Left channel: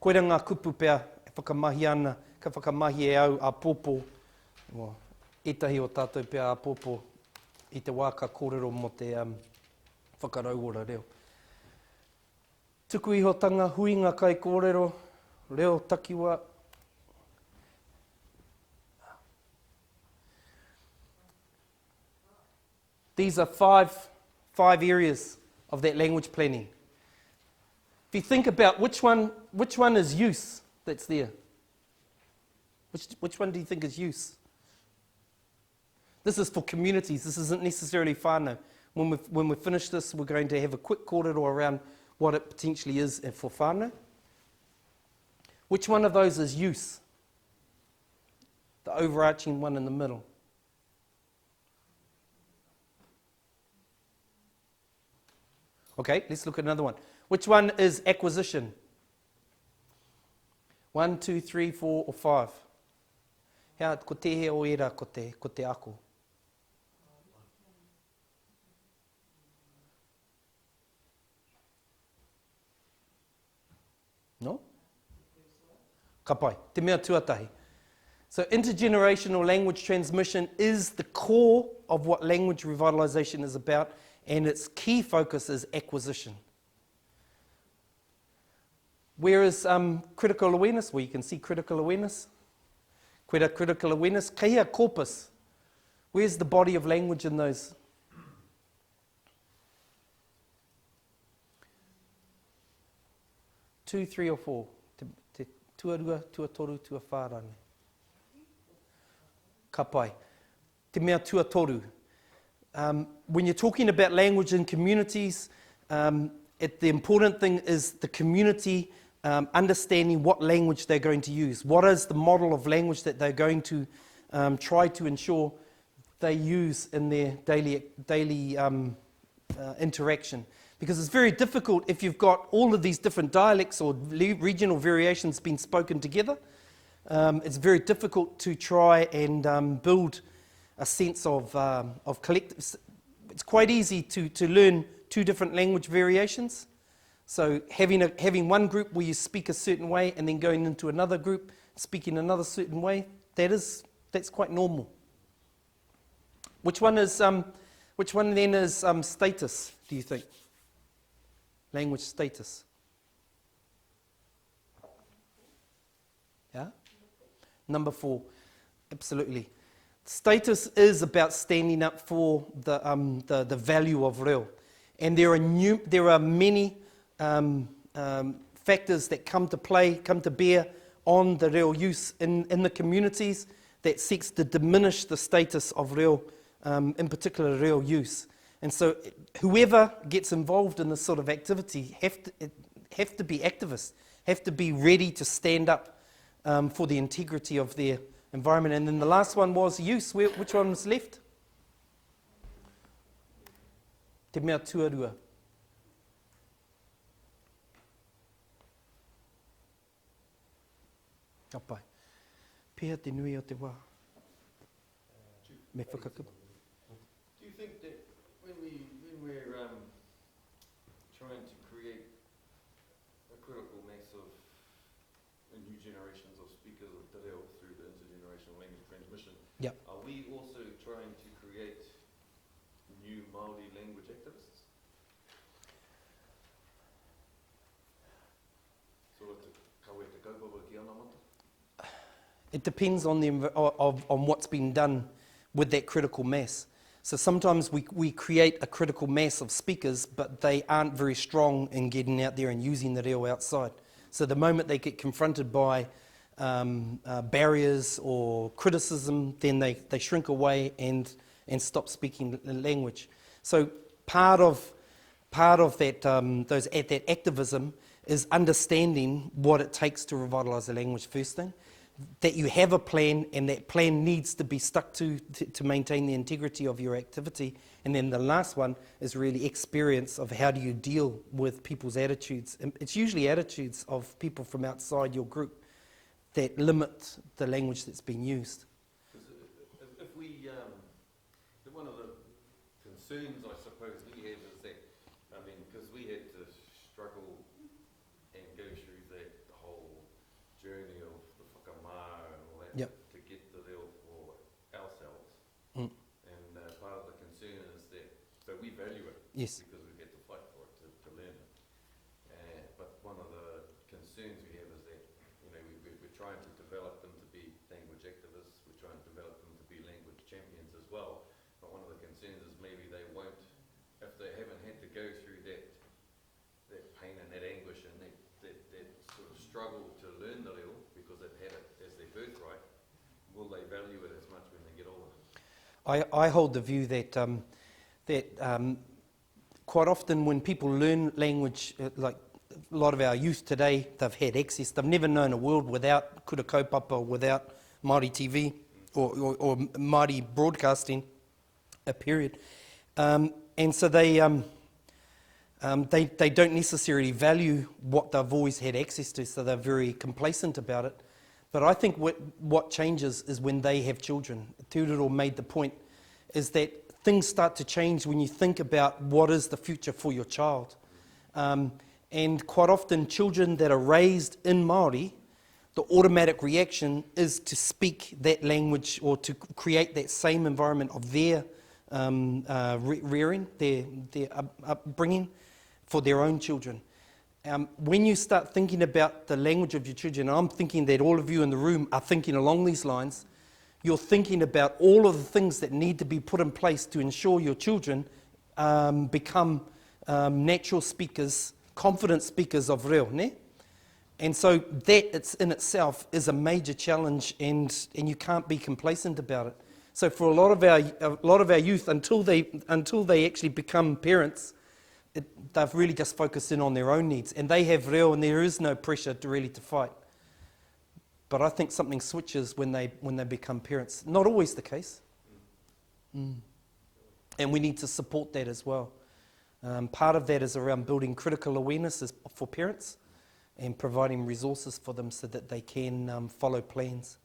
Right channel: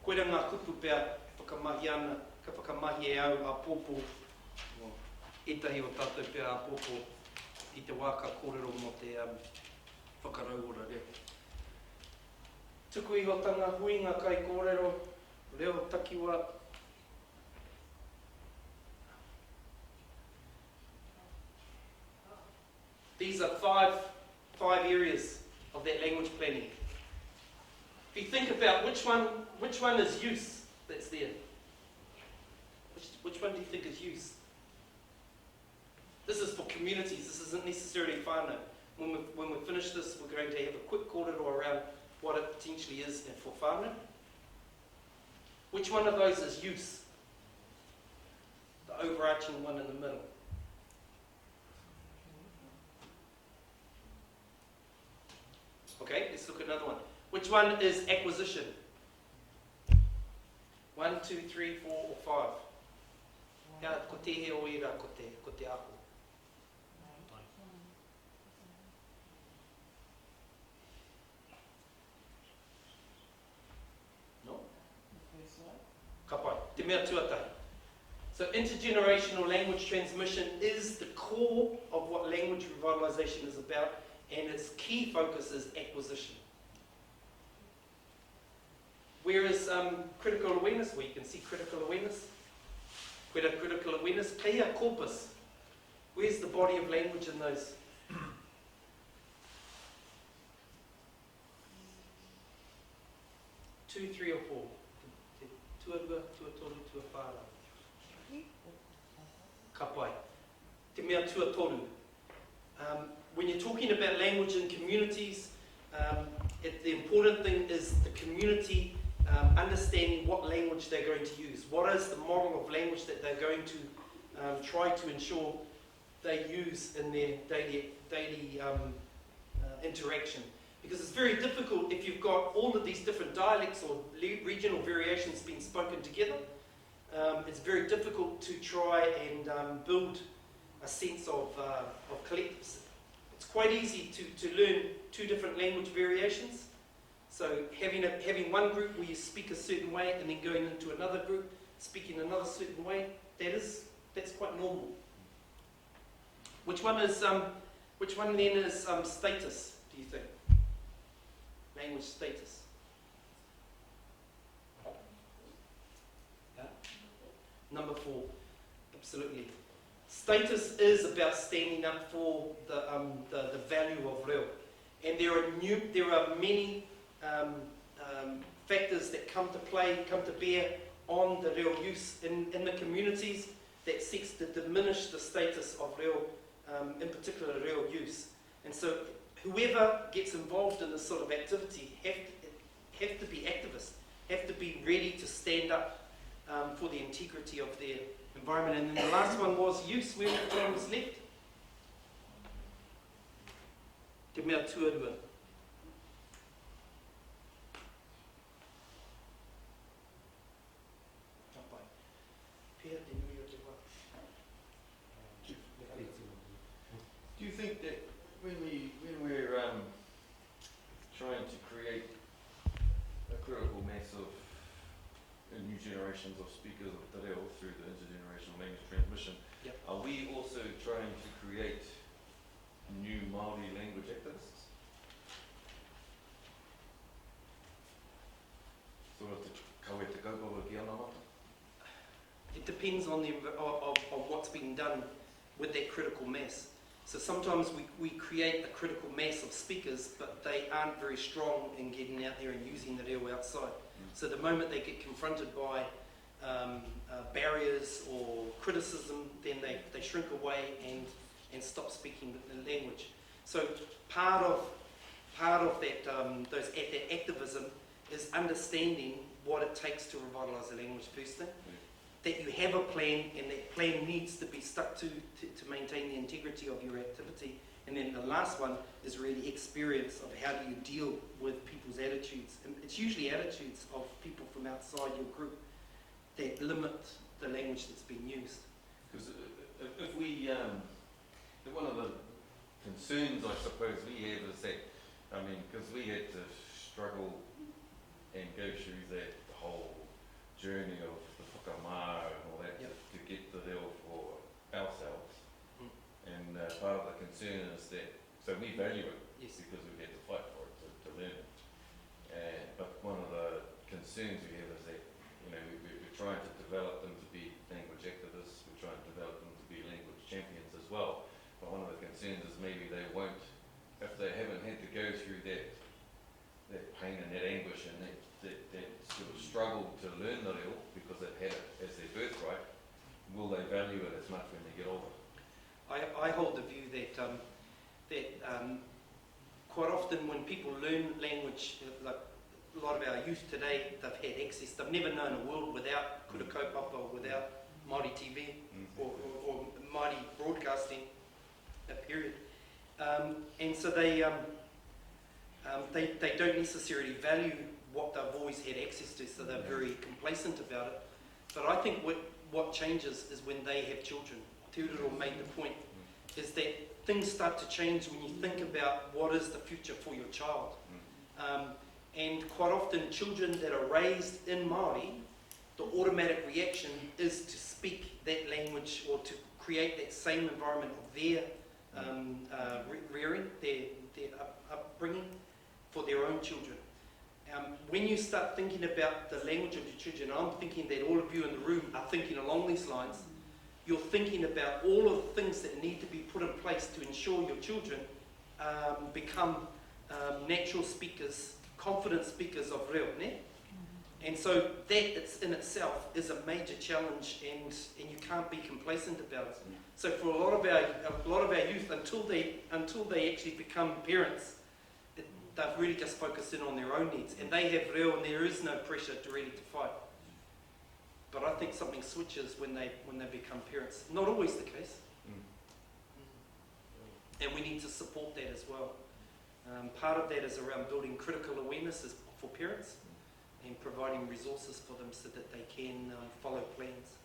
Koera ngā kupu pēr e whakamahi ana, ka whakamahi e au a pōpō, etahi o tātou pēr a pōpō i te wā ka kōrero mo te whakarauora reo. Tuku ihotanga, huinga kai kōrero, reo takiwa. These are five areas of that language planning. If you think about which one is use that's there? Which one do you think is use? This is for communities. This isn't necessarily whānau. When we finish this, we're going to have a quick kōrero around what it potentially is for whānau. Which one of those is use? The overarching one in the middle. Okay, let's look at another one. Which one is acquisition? 1, 2, 3, 4, or 5? Hea, ko te he o era, ko te ako. No? Ka pai, te mea tuatahi. So intergenerational language transmission is the core of what language revitalisation is about, and its key focus is acquisition. Where is critical awareness? Well, you can see critical awareness. Koera critical awareness. Kehea corpus. Where's the body of language in those? Two, 3 or 4. Te tuarua, tuatoru, tuawhāranga. Ka pai. Te mea tuatoru. When you're talking about language in communities, the important thing is the community understanding what language they're going to use. What is the model of language that they're going to try to ensure they use in their daily interaction? Because it's very difficult if you've got all of these different dialects or regional variations being spoken together. It's very difficult to try and build a sense of collective. It's quite easy to learn 2 different language variations. So having one group where you speak a certain way and then going into another group speaking another certain way, that's quite normal. Which one then is status, do you think? Language status. Yeah? Number 4, absolutely. Status is about standing up for the value of reo. And there are many factors that come to bear on the reo use in the communities that seeks to diminish the status of reo, in particular reo use. And so whoever gets involved in this sort of activity have to be activists, have to be ready to stand up for the integrity of their environment. And then the last one was use. Which one was left? Te mea tuarua. Ka pai. Pēhea te nui o te wā. Me whakatu. Do you think that when we're trying to create a critical mass of new generations of speakers of te reo through the intergenerational language transmission, Yep. are we also trying to create new Māori language activists? Sort of te kawe te kaupapa ki ana mata? It depends on on what's been done with that critical mass. So sometimes we create a critical mass of speakers, but they aren't very strong in getting out there and using the reo outside. So the moment they get confronted by barriers or criticism, then they shrink away and stop speaking the language. So part of that that activism is understanding what it takes to revitalise the language first thing. That you have a plan, and that plan needs to be stuck to maintain the integrity of your activity. And then the last one is really experience of how do you deal with people's attitudes. And it's usually attitudes of people from outside your group that limit the language that's being used. Because if we, one of the concerns I suppose we have is that, I mean, because we had to struggle and go through that whole journey of the whakamā and all that Yep. to get the reo for ourselves. Mm. And part of the concern is that, so we value it Yes. because we've had to fight for it to learn it. But one of the concerns we have is that, you know, we're trying to develop them to be language activists, we're trying to develop them to be language champions as well. But one of the concerns is maybe they won't, if they haven't had to go through that pain and that anguish and that sort of struggle to learn the reo because they've had it as their birthright, will they value it as much when they get older? I hold the view that quite often when people learn language, like a lot of our youth today, they've had access. They've never known a world without kura kaupapa, without Māori TV or Māori broadcasting, period. And so they don't necessarily value what they've always had access to, so they're very complacent about it. But I think what changes is when they have children. Tūriro made the point, is that things start to change when you think about what is the future for your child. And quite often children that are raised in Māori, the automatic reaction is to speak that language or to create that same environment of their rearing, their upbringing for their own children. When you start thinking about the language of your children, I'm thinking that all of you in the room are thinking along these lines, you're thinking about all of the things that need to be put in place to ensure your children become natural speakers, confident speakers of reo, ne? And so that it's in itself is a major challenge, and you can't be complacent about it. So for a lot of our youth, until they actually become parents, they've really just focused in on their own needs, and they have reo, and there is no pressure to really to fight. But I think something switches when they become parents. Not always the case. And we need to support that as well. Part of that is around building critical awareness for parents and providing resources for them so that they can follow plans.